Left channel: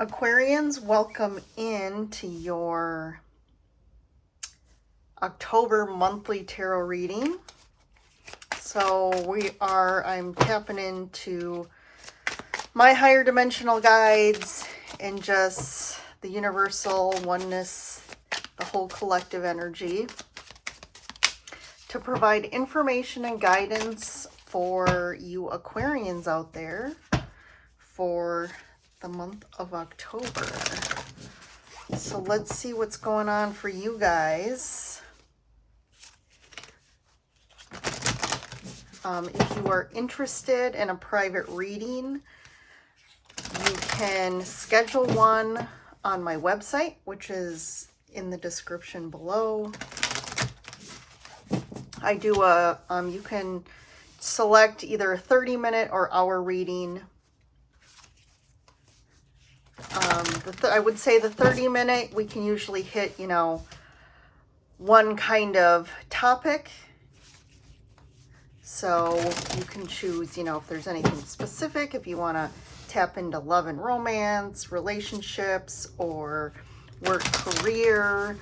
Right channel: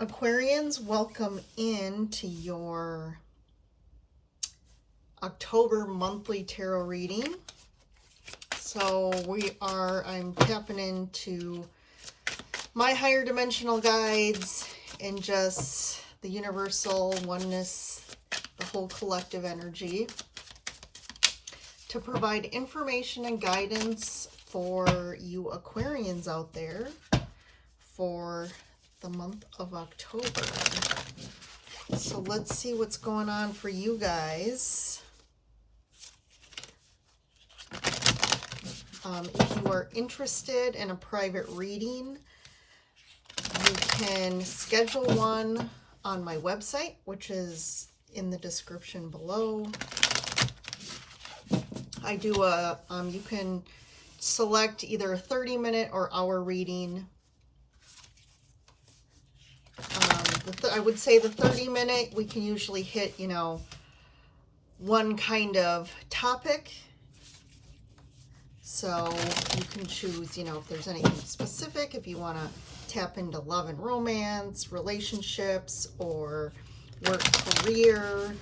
Aquarians, welcome into your October monthly tarot reading. So I'm tapping into my higher dimensional guides and just the universal oneness, the whole collective energy, to provide information and guidance for you Aquarians out there for the month of October. So let's see what's going on for you guys. If you are interested in a private reading, you can schedule one on my website, which is in the description below. I do you can select either a 30-minute or hour reading. I would say the 30-minute, we can usually hit, one kind of topic. So you can choose, if there's anything specific, if you want to tap into love and romance, relationships, or work, career.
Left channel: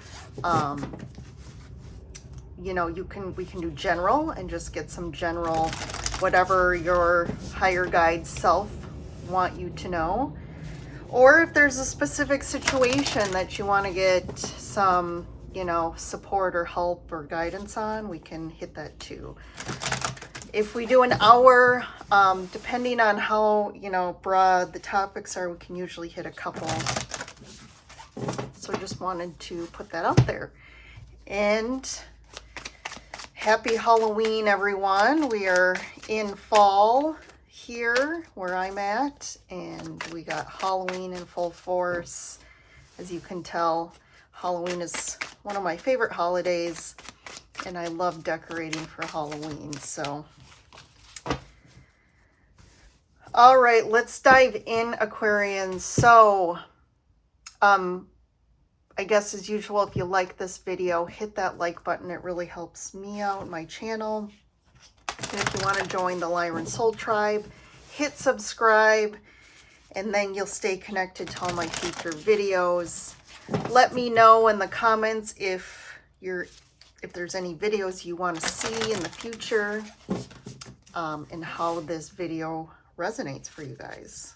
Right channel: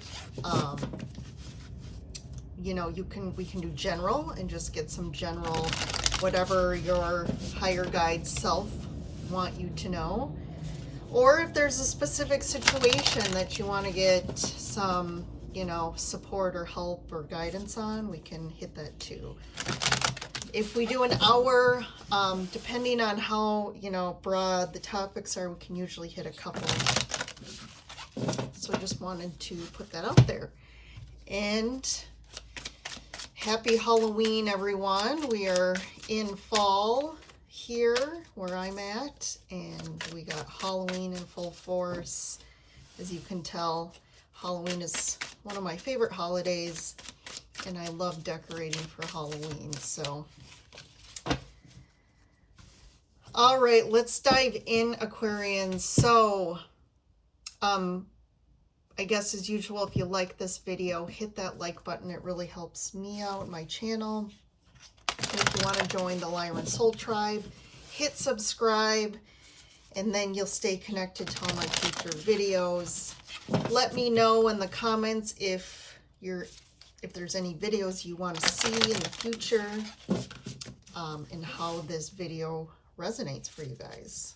We can do general and just get some general, whatever your higher guide self want you to know. Or if there's a specific situation that you want to get some, support or help or guidance on, we can hit that too. If we do an hour, depending on how, broad the topics are, we can usually hit a couple. So just wanted to put that out there. And happy Halloween, everyone. We are in fall here where I'm at, and we got Halloween in full force. As you can tell, Halloween is one of my favorite holidays, and I love decorating for Halloween. So all right, let's dive in, Aquarians. So I guess as usual, if you like this video, hit that like button. It really helps me out, my channel. And if you want to join the Lyran Soul Tribe, hit subscribe, and then you'll stay connected to all my future videos. Let me know in the comments if there's any videos you want to see in the future, and how this video resonates for you guys.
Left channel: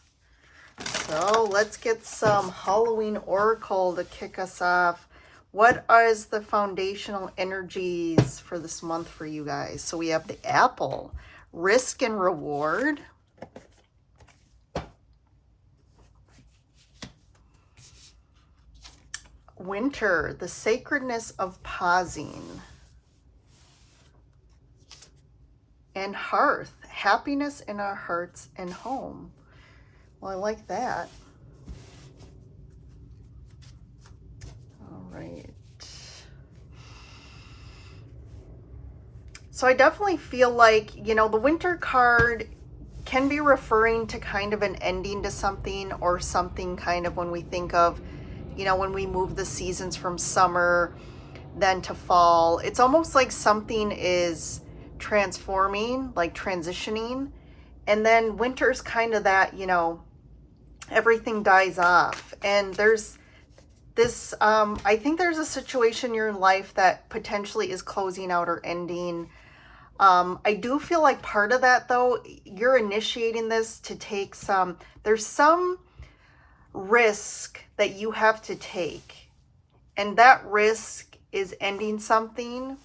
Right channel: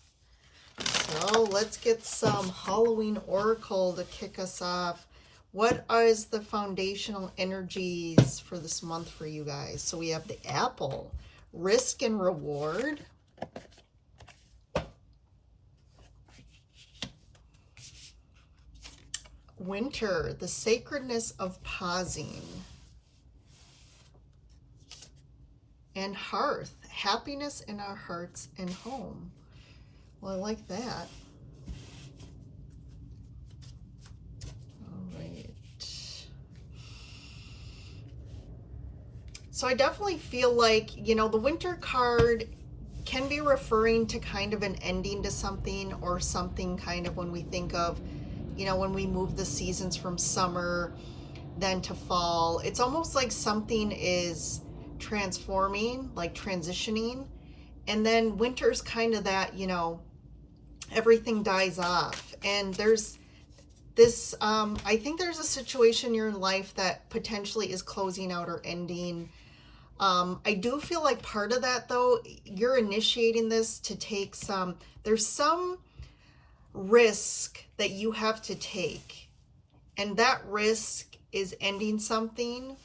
So let's get some Halloween Oracle to kick us off. What is the foundational energies for this month for you guys? So we have the Apple, risk and reward. Winter, the sacredness of pausing. And Hearth, happiness in our hearts and home. Well, I like that. All right. So I definitely feel like, the Winter card can be referring to kind of an ending to something, or something kind of when we think of, when we move the seasons from summer then to fall. It's almost like something is transforming, like transitioning. And then winter's kind of that, everything dies off. And there's this, I think there's a situation in your life that potentially is closing out or ending. I do feel like part of that, though, you're initiating this to take there's some risk that you have to take. And that risk is ending something.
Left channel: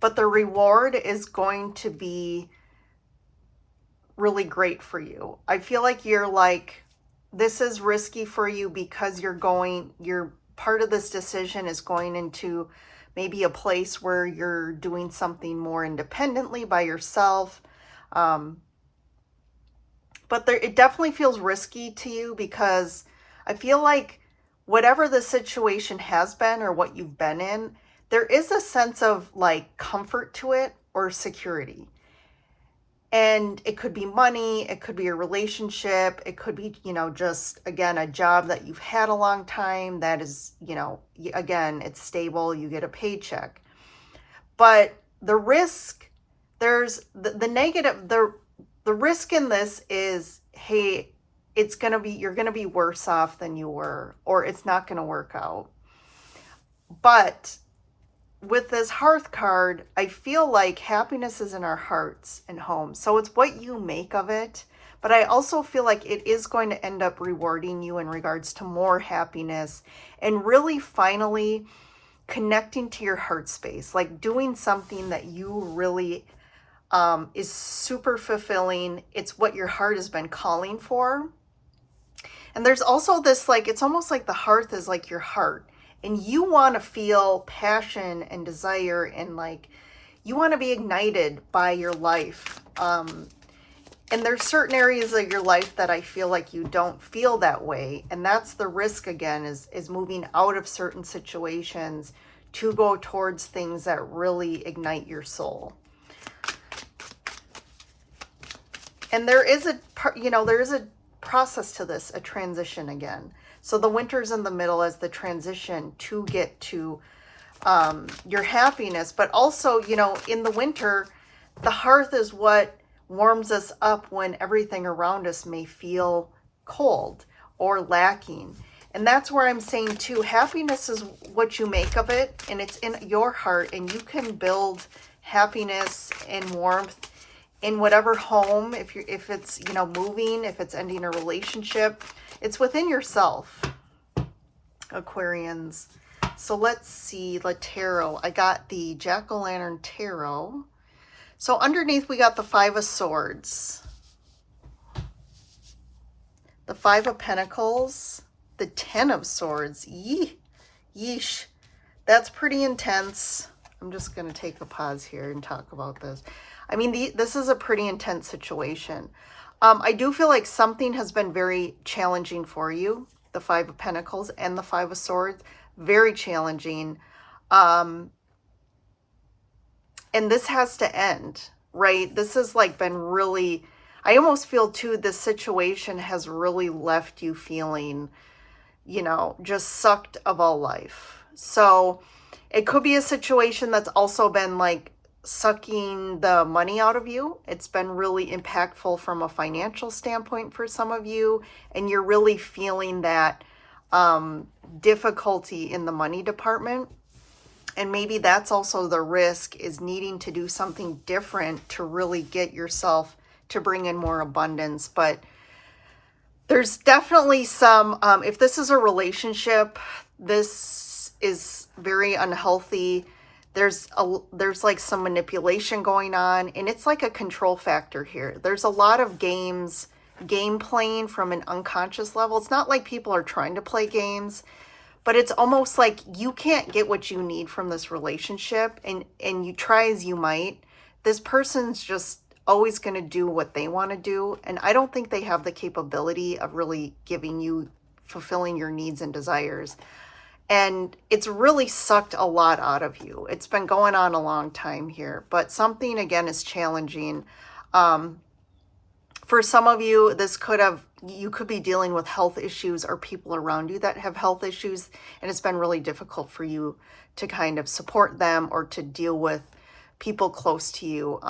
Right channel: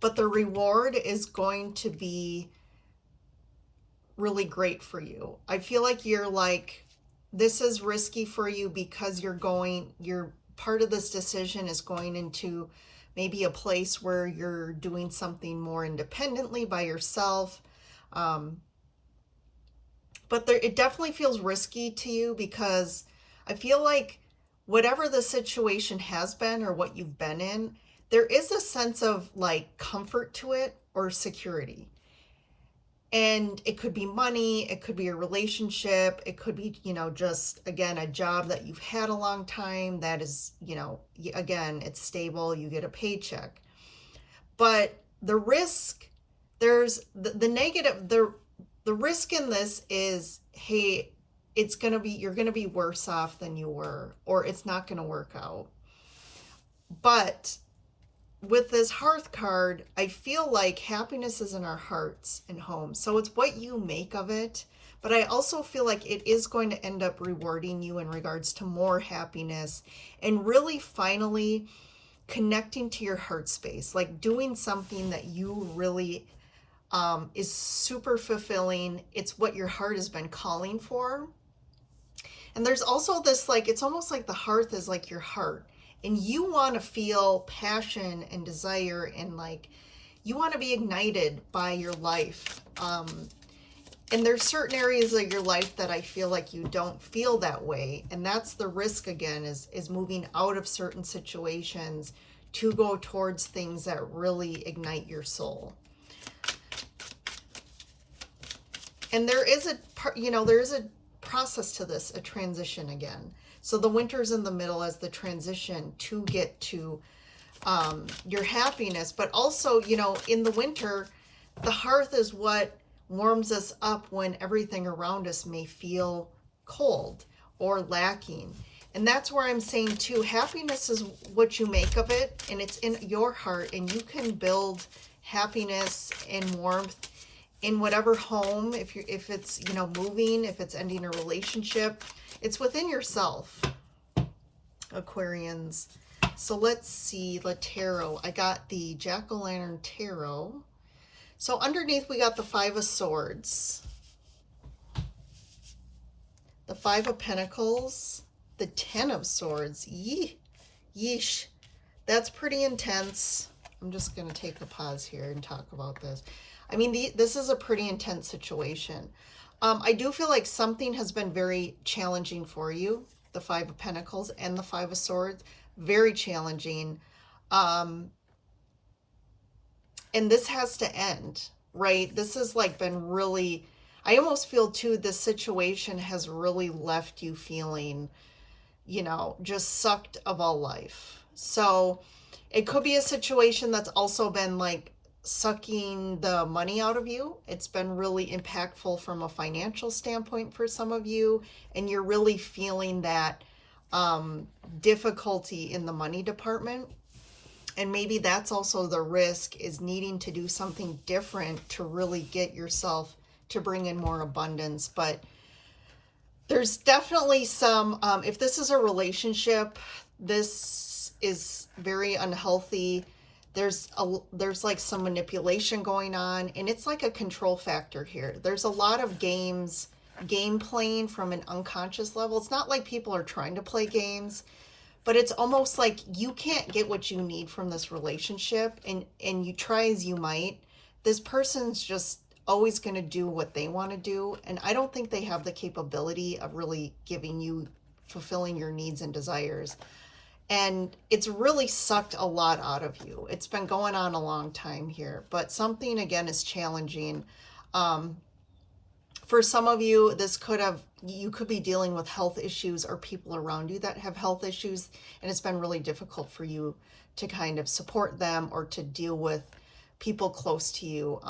But the reward is going to be really great for you. I feel like you're like, this is risky for you because you're part of this decision is going into maybe a place where you're doing something more independently by yourself. But it definitely feels risky to you, because I feel like whatever the situation has been or what you've been in, there is a sense of like comfort to it or security. And it could be money, it could be a relationship, it could be, just, again, a job that you've had a long time that is, again, it's stable, you get a paycheck. But the risk, there's the negative, the risk in this is, hey, you're going to be worse off than you were, or it's not going to work out. But with this Hearth card, I feel like happiness is in our hearts and homes. So it's what you make of it. But I also feel like it is going to end up rewarding you in regards to more happiness and really finally connecting to your heart space, like doing something that you really is super fulfilling. It's what your heart has been calling for. And there's also this, like, it's almost like the hearth is like your heart, and you want to feel passion and desire, and like you want to be ignited by your life. And there's certain areas of your life that I feel like you don't feel that way. And that's the risk again, is moving out of certain situations to go towards things that really ignite your soul. And there is a process to this, a transition again. So the winter's in the middle as the transition to get to your happiness. But also, in the winter, the hearth is what warms us up when everything around us may feel cold or lacking. And that's where I'm saying too, happiness is what you make of it, and it's in your heart, and you can build happiness and warmth in whatever home, if it's moving, if it's ending a relationship, it's within yourself, Aquarians. So let's see, the tarot. I got the Jack-o'-lantern tarot. So underneath we got the 5 of Swords, the 5 of Pentacles, the 10 of Swords. Yeesh, that's pretty intense. I'm just going to take a pause here and talk about this. I mean, this is a pretty intense situation. I do feel like something has been very challenging for you. The 5 of Pentacles and the 5 of Swords, very challenging. And this has to end, right? This has like been really, I almost feel too, this situation has really left you feeling, just sucked of all life. So it could be a situation that's also been like sucking the money out of you. It's been really impactful from a financial standpoint for some of you, and you're really feeling that difficulty in the money department. And maybe that's also the risk, is needing to do something different to really get yourself to bring in more abundance. But there's definitely some, if this is a relationship, this is very unhealthy. There's like some manipulation going on, and it's like a control factor here. There's a lot of game playing from an unconscious level. It's not like people are trying to play games, but it's almost like you can't get what you need from this relationship, and you try as you might. This person's just always going to do what they want to do, and I don't think they have the capability of really fulfilling your needs and desires. And it's really sucked a lot out of you. It's been going on a long time here, but something again is challenging. For some of you, you could be dealing with health issues or people around you that have health issues, and it's been really difficult for you to kind of support them or to deal with people close to you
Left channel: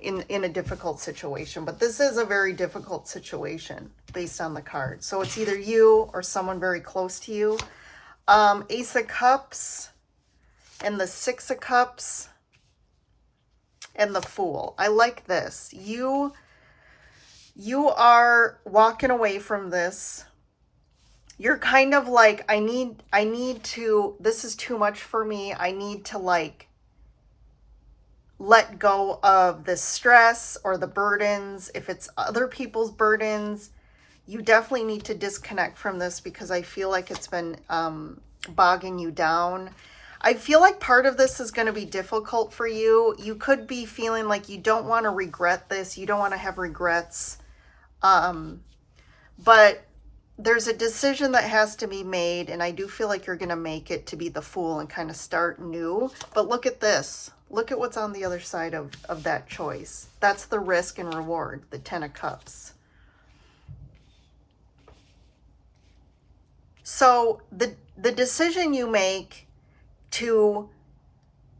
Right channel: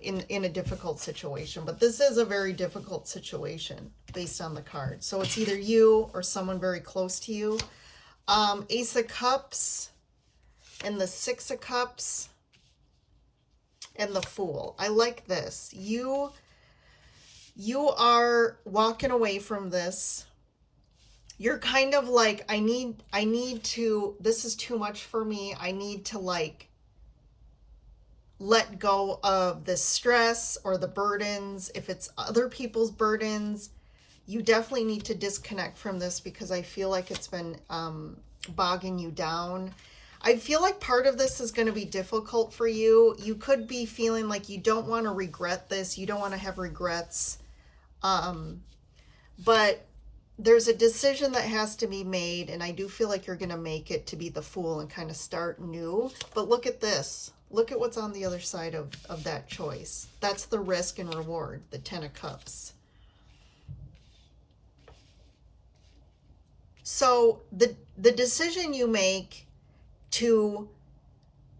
in a difficult situation. But this is a very difficult situation based on the card. So it's either you or someone very close to you. Ace of Cups and the 6 of Cups and the Fool. I like this. You are walking away from this. You're kind of like, I need to, this is too much for me. I need to like let go of the stress or the burdens. If it's other people's burdens, you definitely need to disconnect from this, because I feel like it's been bogging you down. I feel like part of this is going to be difficult for you. You could be feeling like you don't want to regret this. You don't want to have regrets. But there's a decision that has to be made, and I do feel like you're going to make it to be the Fool and kind of start new. But look at this. Look at what's on the other side of that choice. That's the risk and reward, the 10 of Cups. So the decision you make you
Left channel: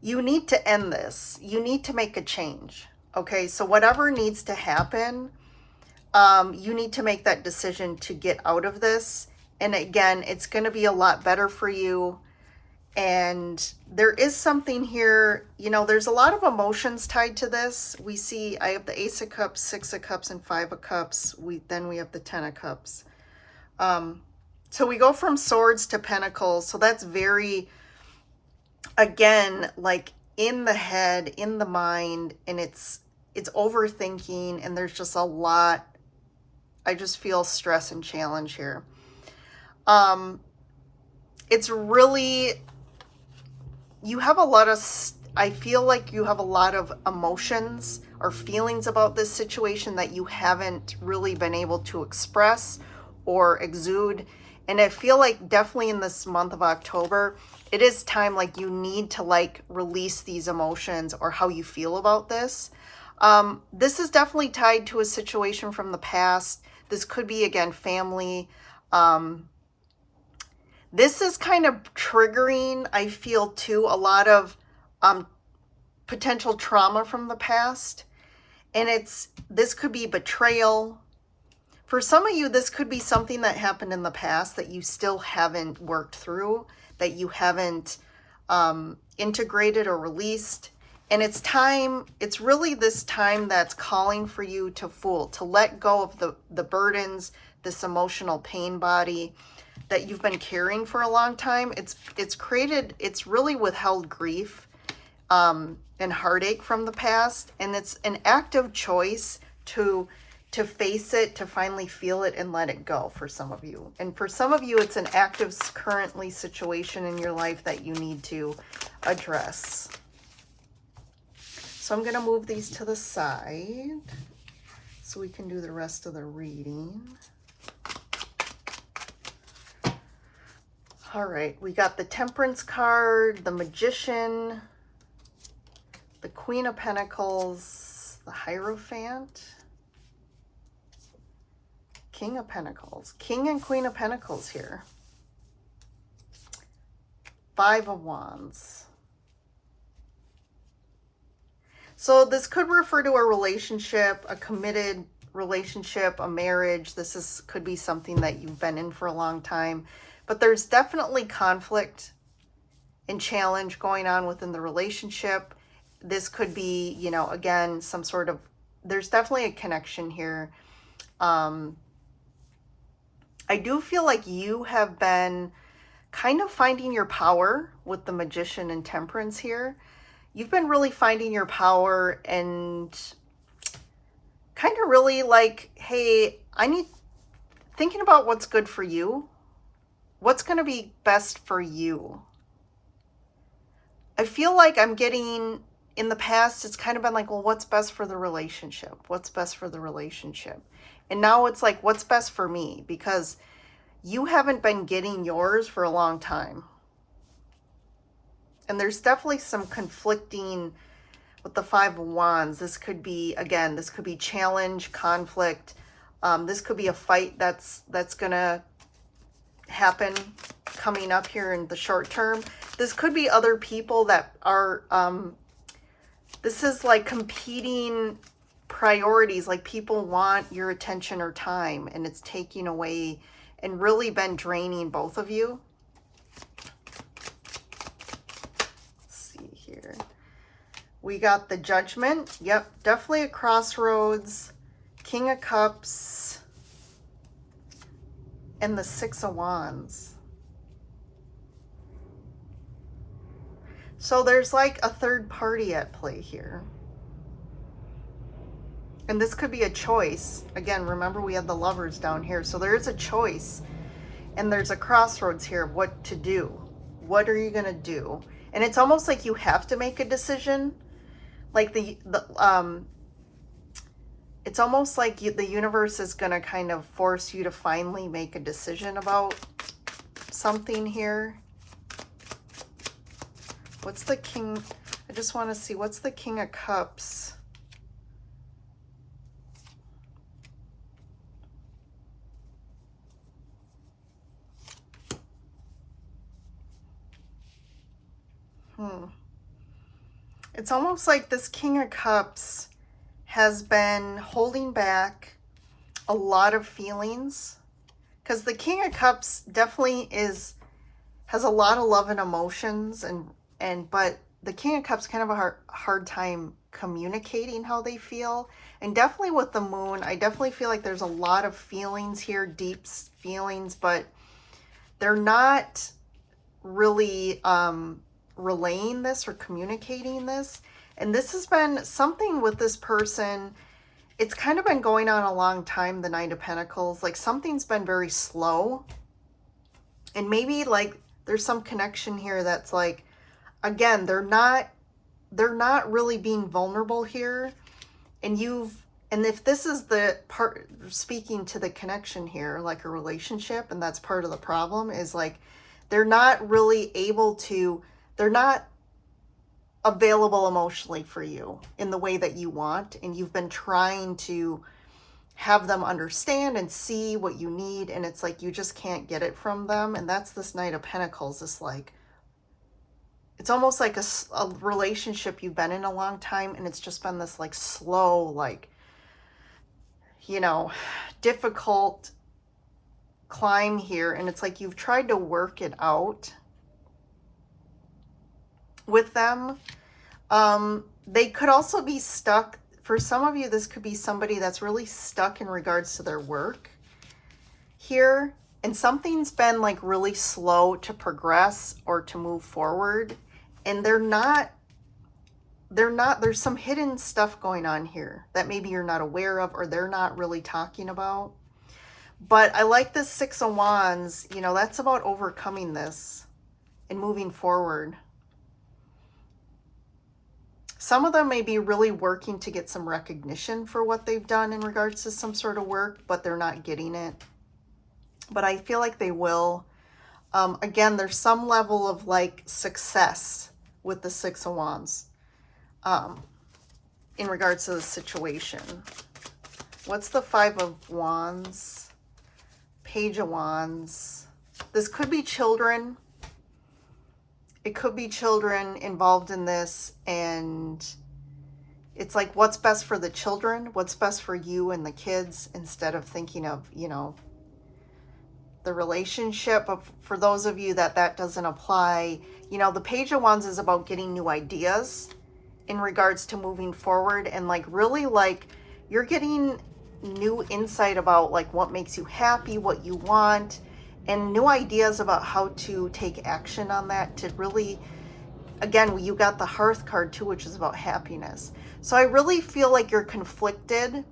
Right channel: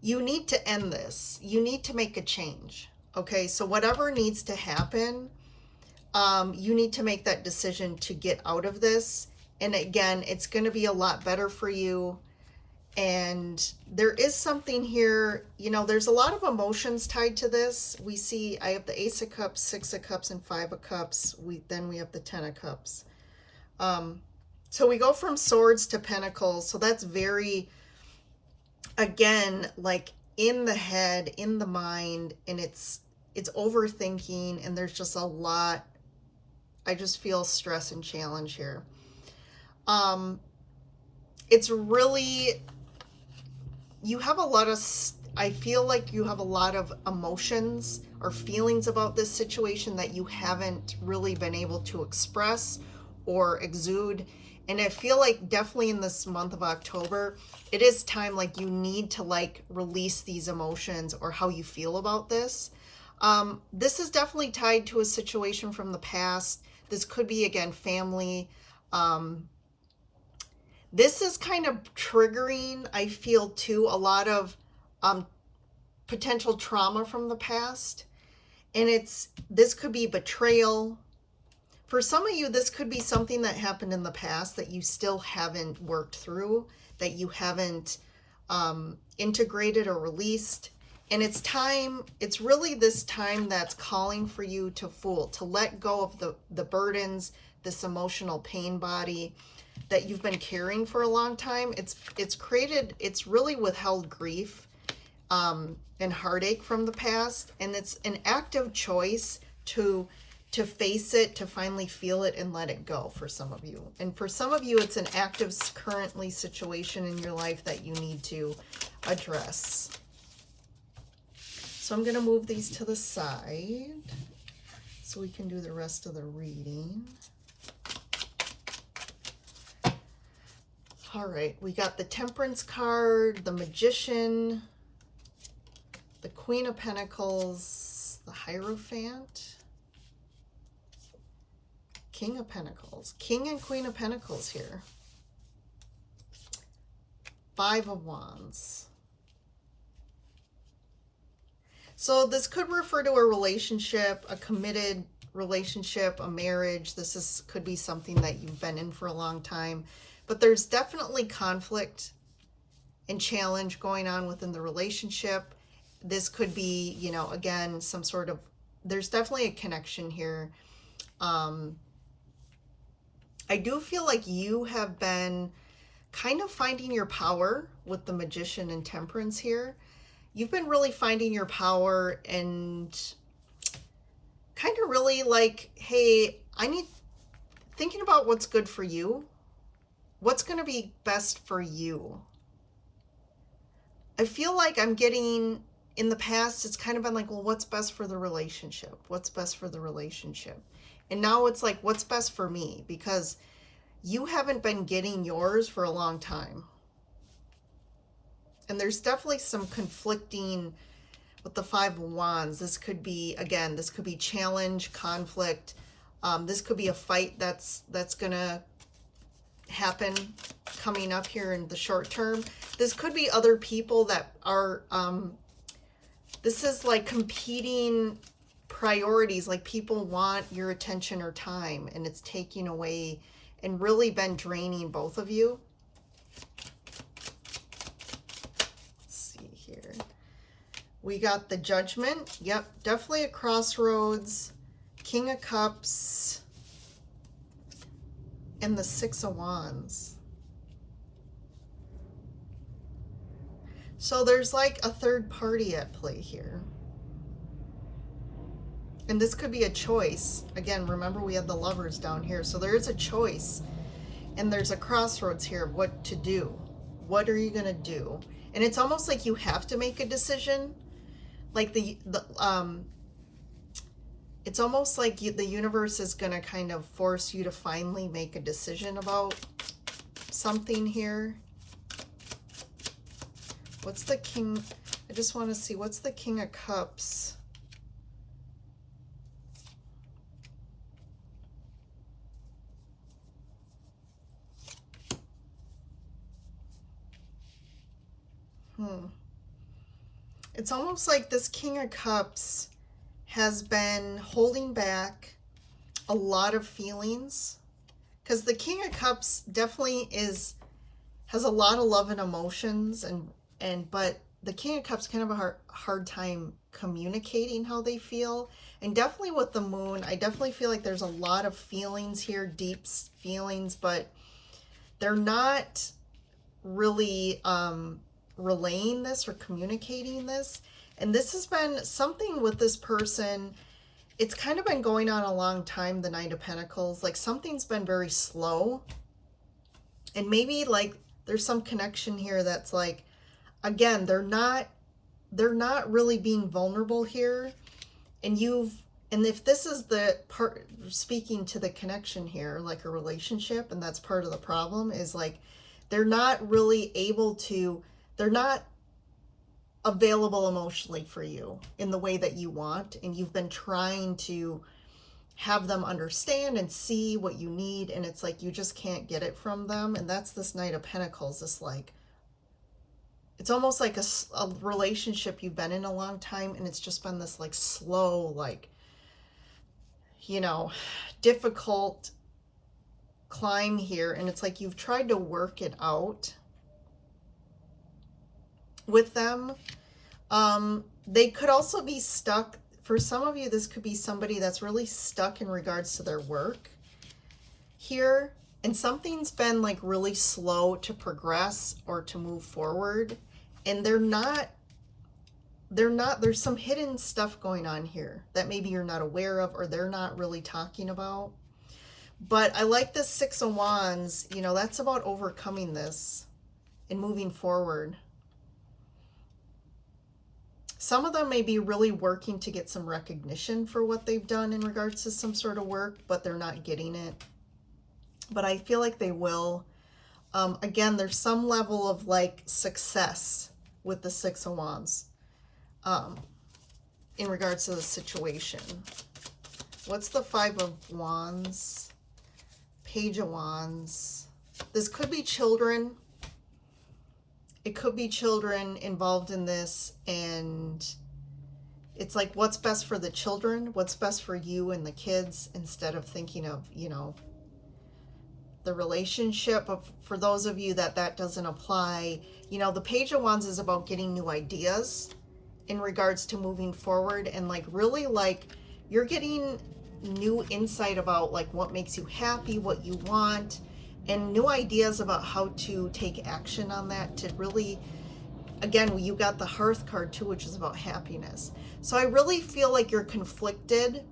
need to end this. You need to make a change. Okay, so whatever needs to happen, you need to make that decision to get out of this. And again, it's going to be a lot better for you. And there is something here, you know, there's a lot of emotions tied to this. We see, I have the Ace of Cups, Six of Cups, and Five of Cups. Then we have the Ten of Cups. So we go from Swords to Pentacles. So that's very, again, like in the head, in the mind, and it's overthinking, and there's just a lot. I just feel stress and challenge here. It's really, you have a lot of, I feel like you have a lot of emotions or feelings about this situation that you haven't really been able to express or exude. And I feel like definitely in this month of October, it is time, like, you need to like release these emotions or how you feel about this. This is definitely tied to a situation from the past. This could be, again, family. This is kind of triggering, I feel, too, a lot of potential trauma from the past. And this could be betrayal. For some of you, this could be something that happened in the past that you still haven't worked through, that you haven't integrated or released. And it's time, it's really this time that's calling for you to let go of the burdens, this emotional pain body that you've been carrying for a long time. It's really withheld grief and heartache from the past. And it's an active choice to face it, to finally feel it and let it go for some of you. And for some of you, it's an active currently situation in your life that you need to address. So I'm going to move these to the side so we can do the rest of the reading. All right, we got the Temperance card, the Magician, the Queen of Pentacles, the Hierophant, King of Pentacles, King and Queen of Pentacles here, Five of Wands. So this could refer to a relationship, a committed relationship, a marriage. Could be something that you've been in for a long time, but there's definitely conflict and challenge going on within the relationship. This could be, you know, again, there's definitely a connection here. I do feel like you have been kind of finding your power with the Magician and Temperance here. You've been really finding your power and kind of really like, hey, thinking about what's good for you. What's going to be best for you? I feel like I'm getting, in the past, it's kind of been like, well, what's best for the relationship? What's best for the relationship? And now it's like, what's best for me? Because you haven't been getting yours for a long time. And there's definitely some conflicting with the Five of Wands. This could be, again, this could be challenge, conflict. This could be a fight that's going to happen coming up here in the short term. This could be other people that are, this is like competing priorities, like people want your attention or time, and it's taking away and really been draining both of you. We got the Judgment. Yep, definitely a crossroads. King of Cups. And the Six of Wands. So there's like a third party at play here. And this could be a choice. Again, remember we had the Lovers down here. So there is a choice. And there's a crossroads here of what to do. What are you going to do? And it's almost like you have to make a decision. Like it's almost like the universe is going to kind of force you to finally make a decision about something here. What's the King? I just want to see, what's the King of Cups? It's almost like this King of Cups has been holding back, a lot of feelings, because the King of Cups definitely has a lot of love and emotions, but the King of Cups kind of a hard time communicating how they feel. And definitely with the Moon, I definitely feel like there's a lot of feelings here, deep feelings, but they're not really relaying this or communicating this. And this has been something with this person. It's kind of been going on a long time, the Knight of Pentacles. Like something's been very slow. And maybe like there's some connection here that's like, again, they're not really being vulnerable here. And if this is the part speaking to the connection here, like a relationship, and that's part of the problem, is like they're not really able to, they're not available emotionally for you in the way that you want, and you've been trying to have them understand and see what you need, and it's like you just can't get it from them. And that's this Knight of Pentacles. This like, it's almost like a relationship you've been in a long time, and it's just been this like slow, like, you know, difficult climb here. And it's like you've tried to work it out with them. They could also be stuck. For some of you, this could be somebody that's really stuck in regards to their work here. And something's been like really slow to progress or to move forward. And there's some hidden stuff going on here that maybe you're not aware of, or they're not really talking about. But I like this Six of Wands, you know, that's about overcoming this and moving forward. Some of them may be really working to get some recognition for what they've done in regards to some sort of work, but they're not getting it. But I feel like they will. Again, there's some level of like success with the Six of Wands in regards to the situation. What's the Five of Wands? Page of Wands. This could be children. It could be children involved in this, and it's like, what's best for the children? What's best for you and the kids, instead of thinking of, you know, the relationship. But for those of you that doesn't apply, you know, the Page of Wands is about getting new ideas in regards to moving forward, and like really like you're getting new insight about like what makes you happy, what you want, and new ideas about how to take action on that to really, again, you got the Hearth card too, which is about happiness. So I really feel like you're conflicted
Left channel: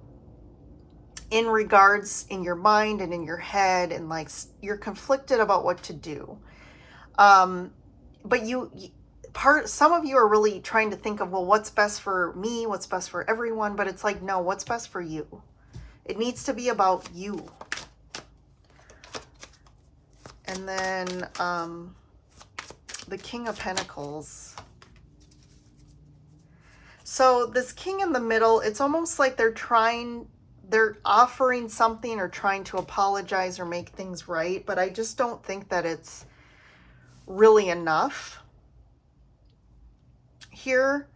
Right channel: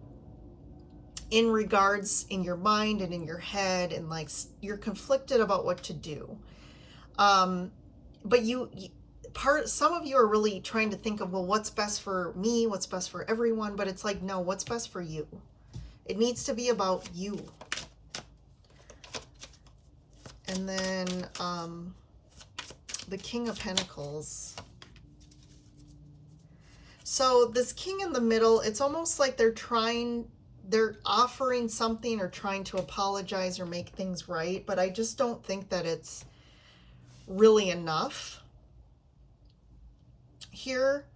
in regards in your mind and in your head, and like you're conflicted about what to do. But some of you are really trying to think of, well, what's best for me? What's best for everyone? But it's like, no, what's best for you? It needs to be about you. And then the King of Pentacles. So this King in the middle, it's almost like they're offering something or trying to apologize or make things right, but I just don't think that it's really enough here.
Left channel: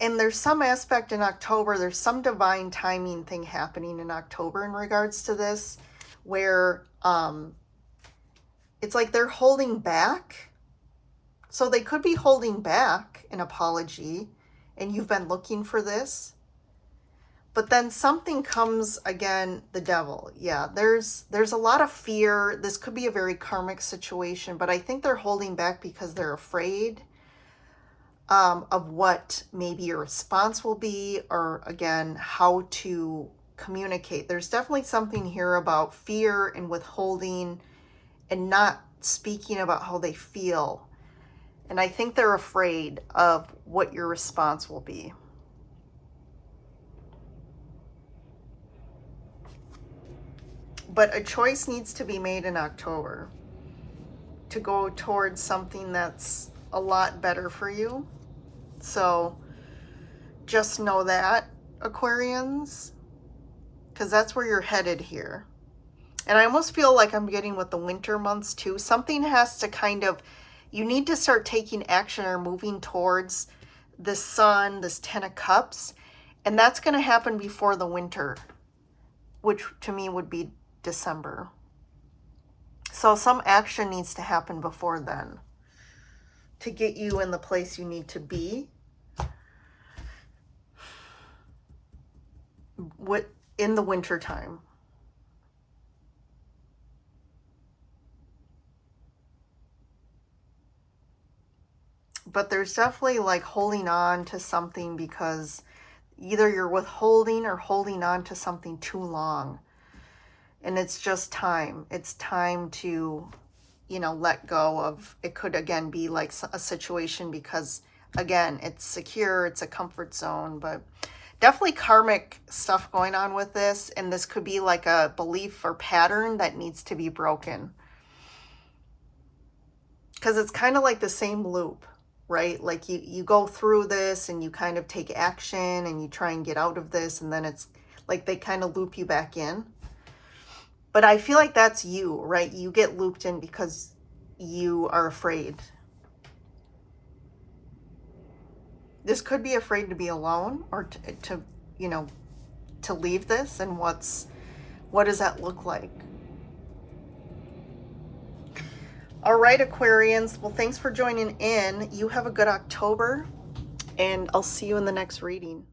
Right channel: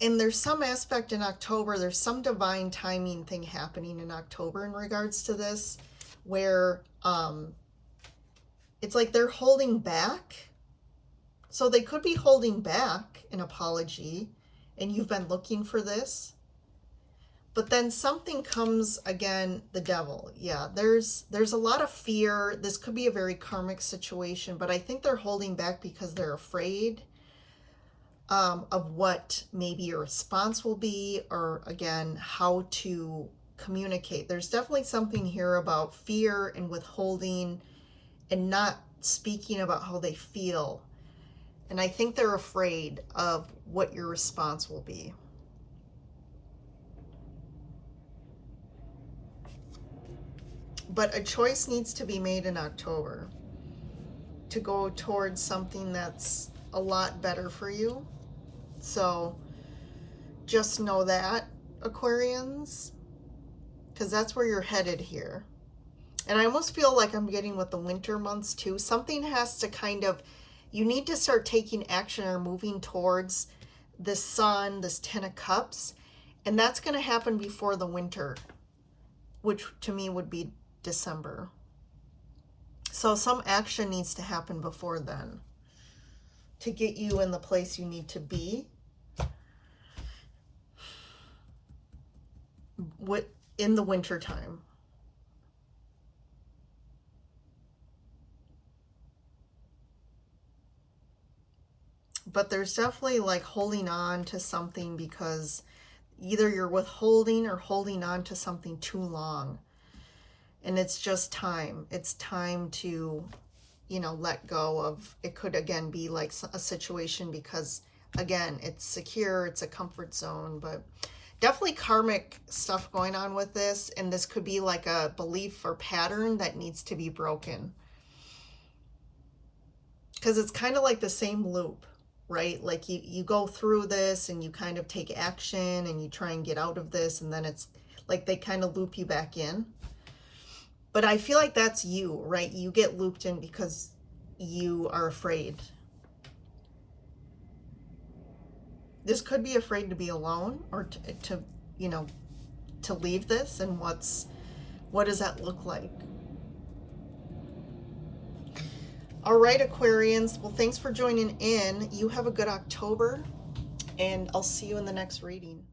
And there's some aspect in October, there's some divine timing thing happening in October in regards to this, where it's like they're holding back. So they could be holding back an apology, and you've been looking for this. But then something comes, again, the Devil. Yeah, there's a lot of fear. This could be a very karmic situation, but I think they're holding back because they're afraid of what maybe your response will be, or again, how to communicate. There's definitely something here about fear and withholding and not speaking about how they feel. And I think they're afraid of what your response will be. But a choice needs to be made in October to go towards something that's a lot better for you. So just know that, Aquarians, because that's where you're headed here. And I almost feel like I'm getting with the winter months too. Something has to kind of, you need to start taking action or moving towards the sun, this 10 of Cups. And that's going to happen before the winter. which to me would be December. So some action needs to happen before then to get you in the place you need to be in the winter time. But there's definitely like holding on to something because either you're withholding or holding on to something too long. And it's just time. It's time to, you know, let go of, it could again be like a situation because again, it's secure, it's a comfort zone, but definitely karmic stuff going on with this. And this could be like a belief or pattern that needs to be broken. Because it's kind of like the same loop, right? Like you go through this and you kind of take action and you try and get out of this. And then it's like they kind of loop you back in. But I feel like that's you, right? You get looped in because you are afraid. This could be afraid to be alone or to you know, to leave this. And what does that look like? All right, Aquarians. Well, thanks for joining in. You have a good October, and I'll see you in the next reading.